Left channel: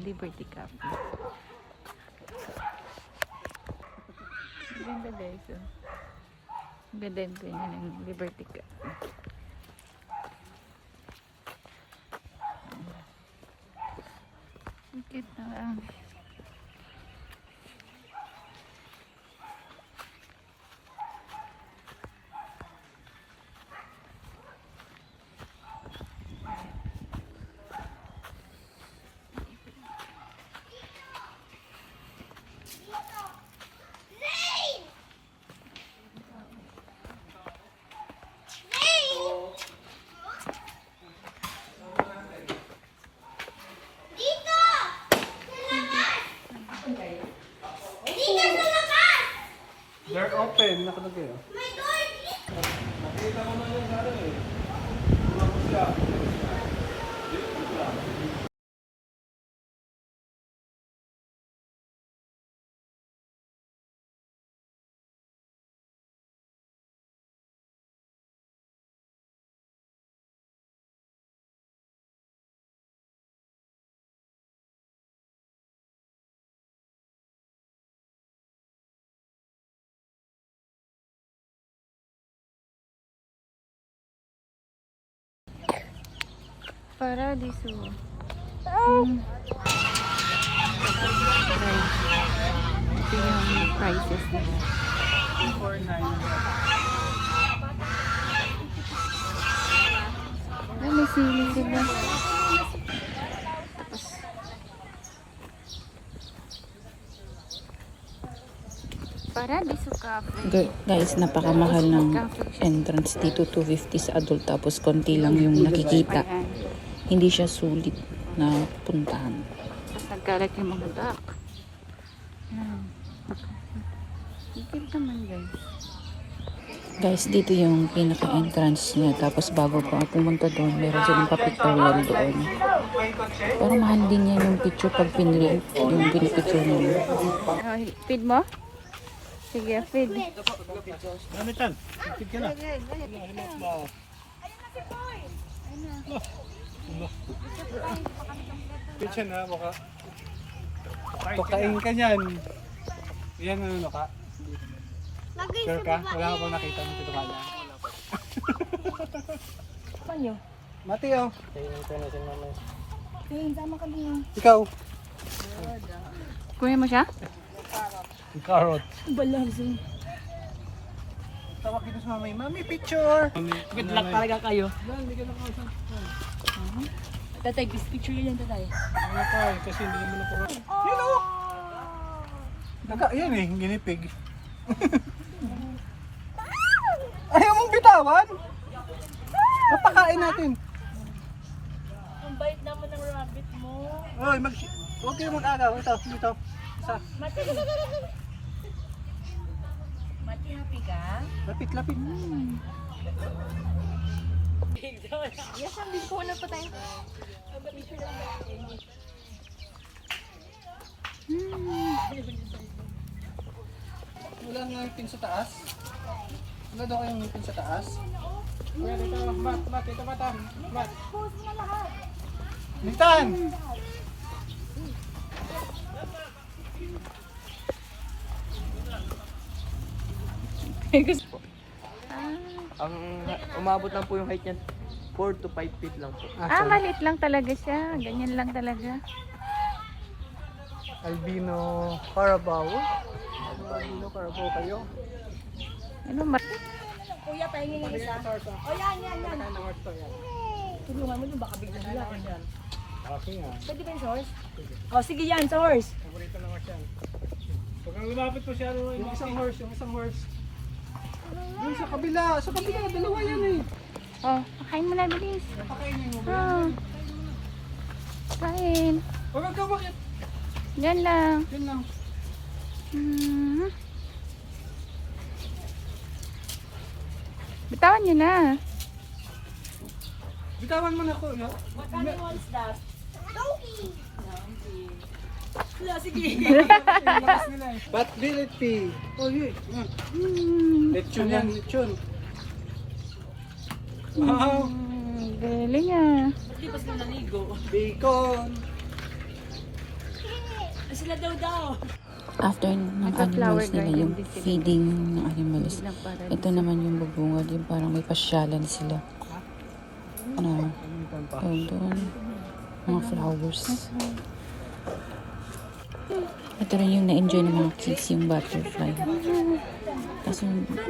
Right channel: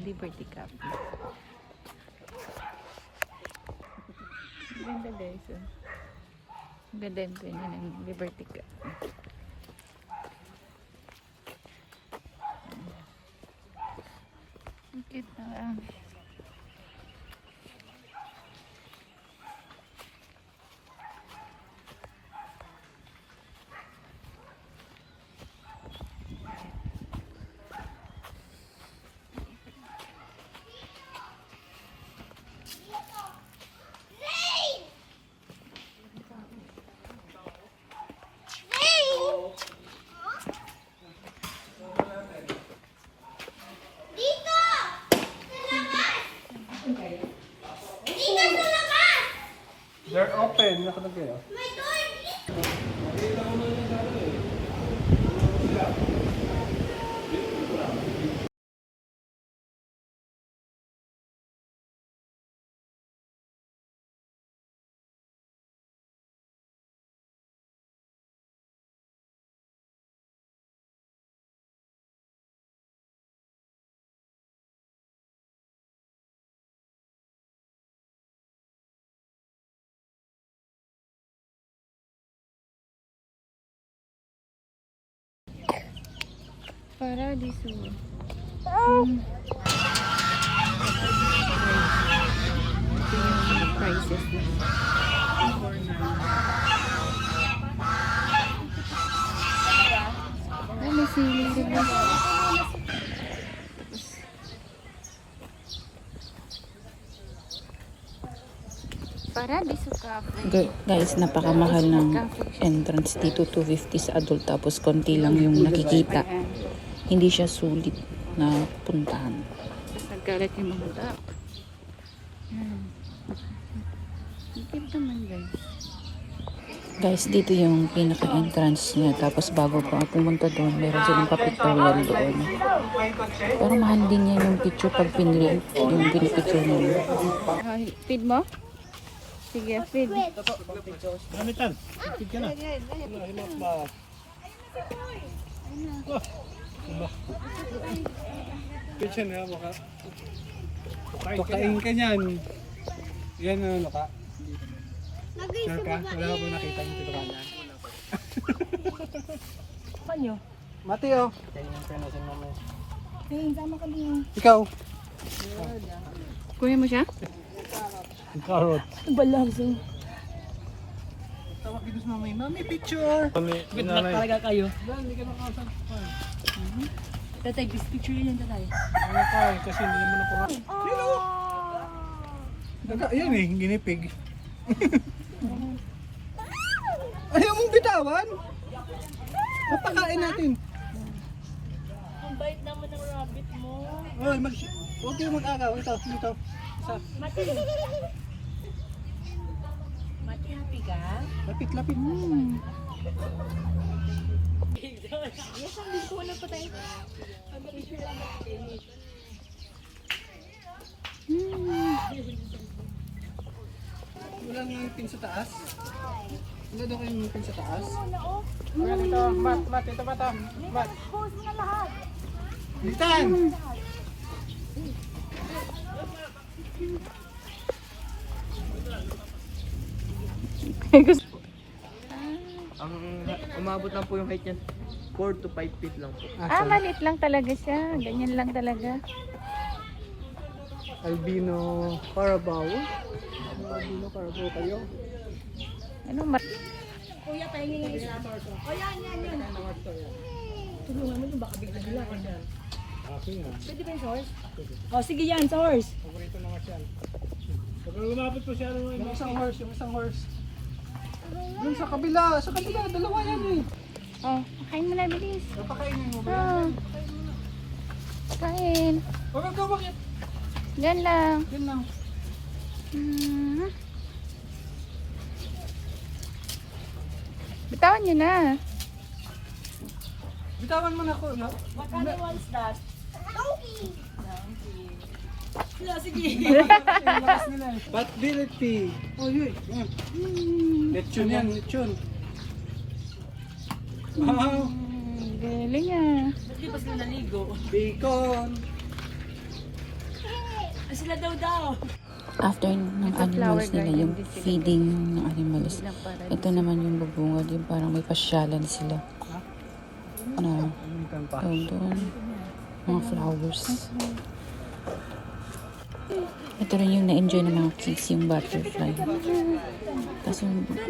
Liberty Cup. Ganda guys. Ganda din ng Liberty Cup. Kita. They're open, nakalagay oh. Paradiso. Prices na. Ay, may sili rin ba? Paradiso Cafe. Guys, napakamahal ng entrance dito. 250 sa adult. Tapos konti lang yung nakikita. Hindi siya sulit na puntahan. Tapos nagkalat yung mga baka. Guys, dito yung pinaka-entrance niya. Tapos bago pa pumunta doon, meron silang pa-pictorial doon. Pero mahal din yan yung picture pag pinrint yung pinipicture niya. Feed mo? Sige, feed. Gamitan, feed ka na. Feed siya na, baka. Pakain ka niyan. Yan ano ka? Sure ka? Wala ka pang nakita mo dito ka na. Kanyo? Mati oh. Kaya na siya namin. Ayun, sama ka din. Ikaw. Kuya mo siya? Carrot. Balagso. Tawag dito sa mamay. Mami, picture! Good luck talaga kayo. Hindi ka nakasal. Tatay, picture yun lang tatay. Kasi hindi mo na ito. Yun o! Daga, yan eh, ginipig. Ayaw mong bitawan? Napakain natin. Ang bait naman ng rabbit mo. Oy, huwag kayo mag-agaw. Ito, dito. Isa. Mati. Mati, happy ka? Lapit-lapit. Yes, hindi ko na pa tayo. Wala nga yung pin sa taas. Wala daw kayong pin sa taas. Wala dito, mat, ito ba ito? Mat. Litan! Ang umabot lang po yung height niyan 4 to 5 feet lang po. Maliit lang talaga siya. Ganyan lang talaga. Albino Carabao. Albino Carabao kayo. Ano mati? Kuya, pahingin yung isa. O yan. Tulungan mo yung baka bigla-bigla. Okay nga. Pwede ba yung source? O sige yan, source. Paborito naman yan. Pag lumapit po siya yung isang horse. Doon sa kabila, dalawa yan eh. Oh, kain mo na bilis. Napakain niyo ba? Kain. Huwag ka bakit? Yan lang. Yan lang. Bitawan niyo na. Bitawan mo na ko, no? Magkano yung isda? What will it be? Oh, yun. Lechon yan, lechon. Wow. Galing ah. Ba't di ba sila naligo? Bacon. Sila daw. After ng animals nila, yung feeding ng animals, ito naman yung bubungad, yung parang may pasyalan sila na tawag doon, mga flowers. Ito rin yung na-enjoy ng mga kids, yung butterfly. Kaso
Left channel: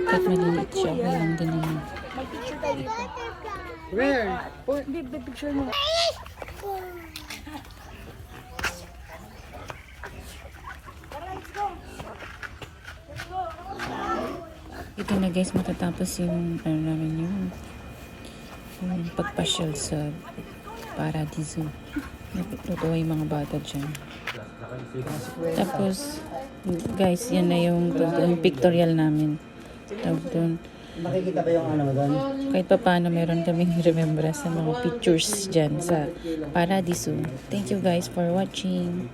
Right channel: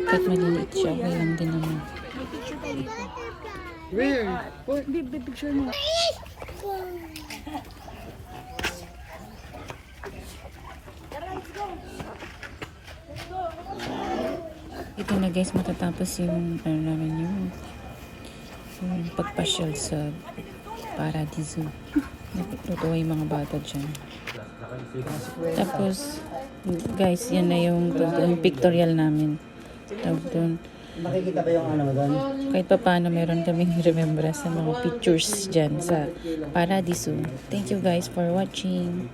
kahit maliliit siya, okay lang din naman. Where? Picture mo. Ito na guys, matatapos yung ano namin yung pagpasyal sa Paradiso. Natutuwa yung mga bata dyan. Tapos guys, yan na yung pictorial namin. Tawag doon. Makikita ba yung ano mo doon? Kahit pa paano meron kaming remembrance sa mga pictures dyan sa Paradiso. Thank you guys for watching.